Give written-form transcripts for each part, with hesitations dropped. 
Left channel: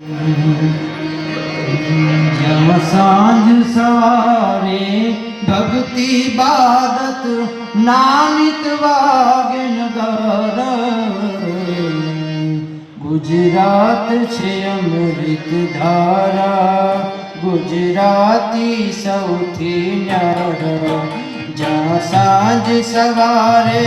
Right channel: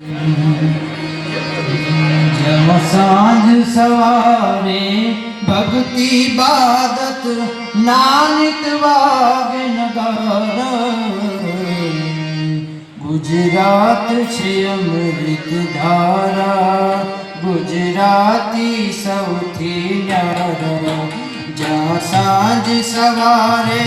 जब सांझ सवारे भक्ति बादत नानित वागे नगार गुजरात छे अमृत धारा गुजराती सौथी न्यारा जहाँ सांझ सवारे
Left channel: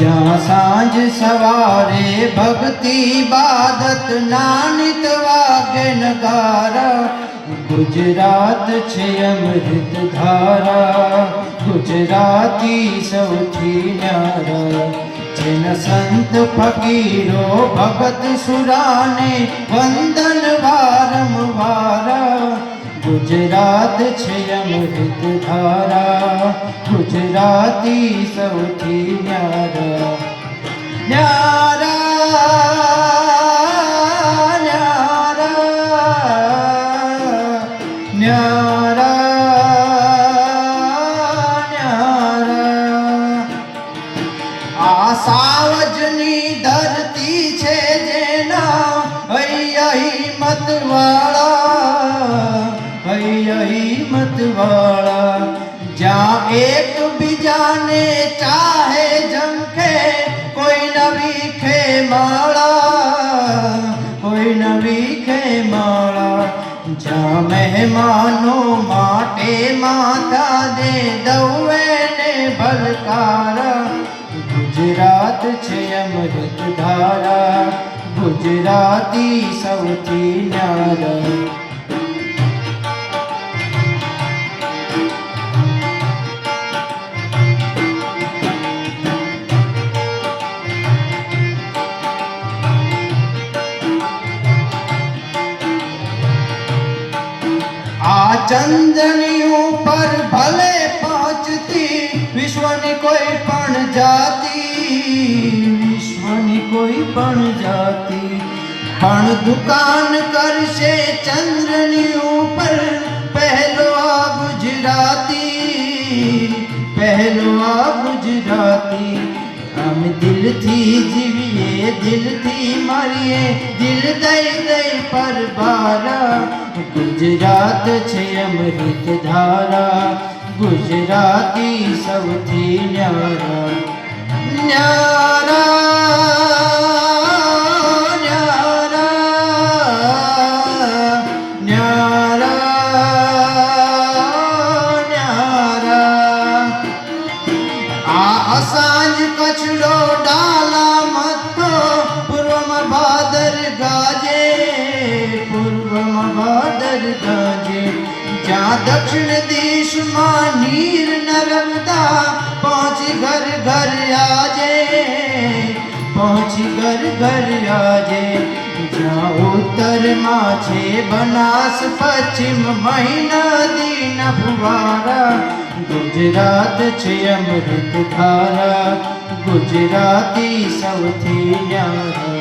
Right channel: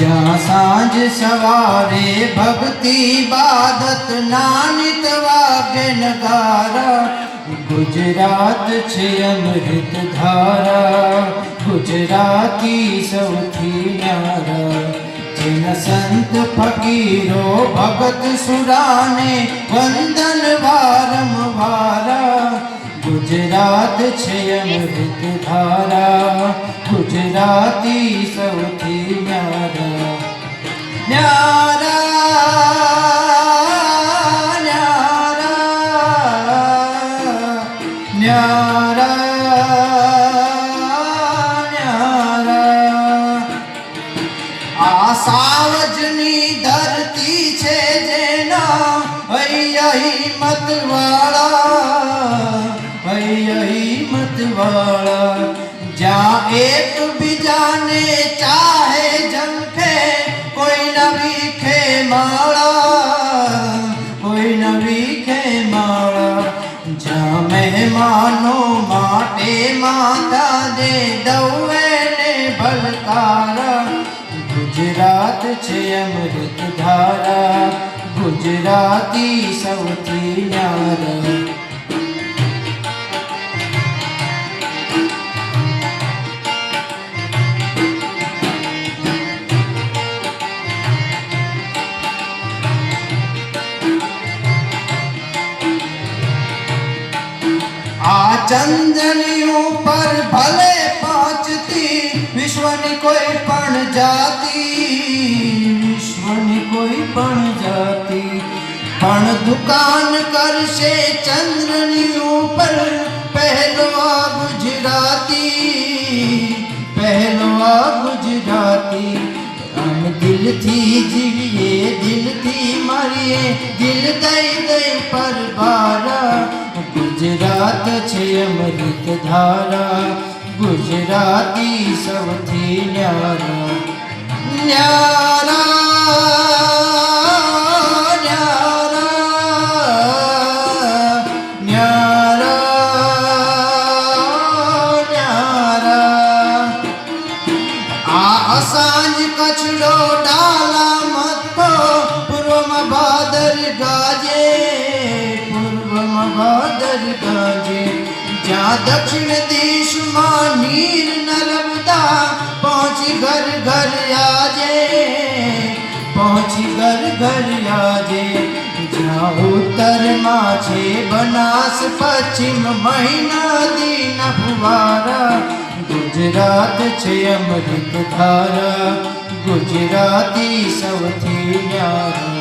जहाँ सांझ सवारे भक्ति बादत नानित वागे नगारा गुजरात छे अमृत धारा गुजराती सौथी न्यारा जिन संत फकीरो भगत सुराने वंदन वारंवारा गुजरात छे अमृत धारा गुजराती सौथी न्यारा न्यारा न्यारा न्यारा न्यारा आ सावजनी धरती छे जेना हिम्मत वाला हिम्मत वाला जहाँ एक बीजाने चाहे जमके कोई न वीखे माला कोई न वीखे माला जहाँ मेहमानों माटे माता दे दौवे ने भलकारा गुजरात छे अमृत धारा गुजराती सौथी न्यारा चंदनियों पर भले पहुंचती विश्वनी कोई पण जाती विश्वनी कोई पण जाती पण दुकान करशे चंद्रनियों पर पहलो आ गुजराती हम दिल थी जीविए दिल थी मरिए दिल दई दई पर बारा गुजरात छे अमृत धारा गुजराती सौथी न्यारा न्यारा न्यारा न्यारा न्यारा आ असांज कचड़ो डाला मत्थो पूर्व में भादर गाजे भादर गाजे जहाँ दक्षिण देश मां नीर नर्मदा पहुँची घर घर आजे जहाँ उत्तर माँ छे बनास पश्चिम महीना दीन फुवारा गुजरात छे अमृत धारा गुजराती सौथी न्यारा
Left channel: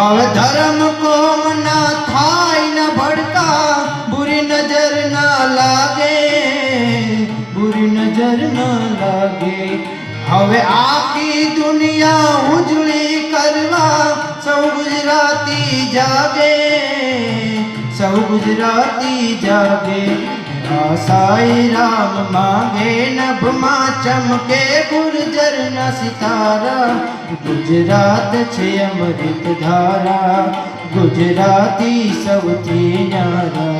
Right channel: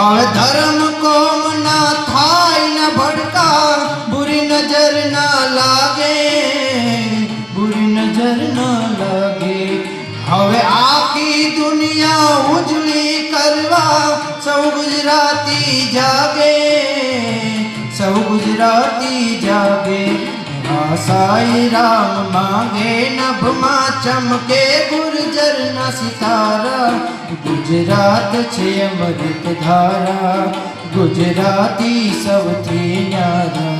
और धर्म कोम ना थाय न भड़का बुरी नजर ना लागे बुरी नजर ना लागे हवे आखी दुनिया उजली करवा सब गुजराती जागे साई राम मांगे नभ मां चमके गुर्जर न सितारा गुजरात छे अमृत धारा गुजराती सौथी न्यारा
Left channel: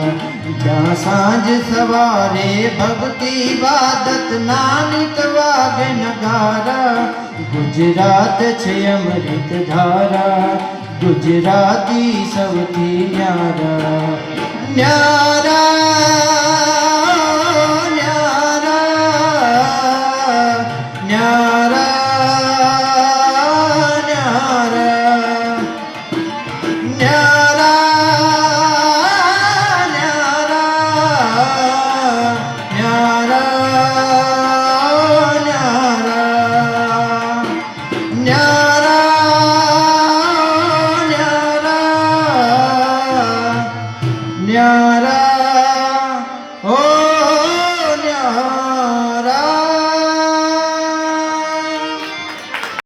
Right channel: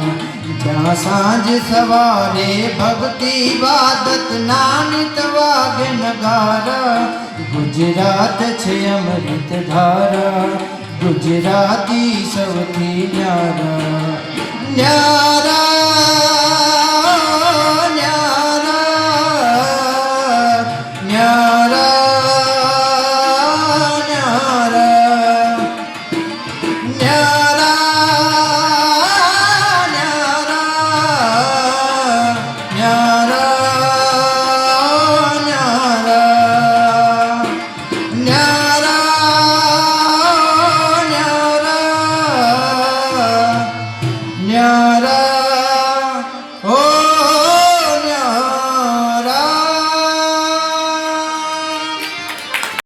जहाँ सांझ सवारे भक्ति बादत नानित वागे नगारा गुजरात छे अमृत धारा गुजराती सौथी न्यारा न्यारा न्यारा ન્યારા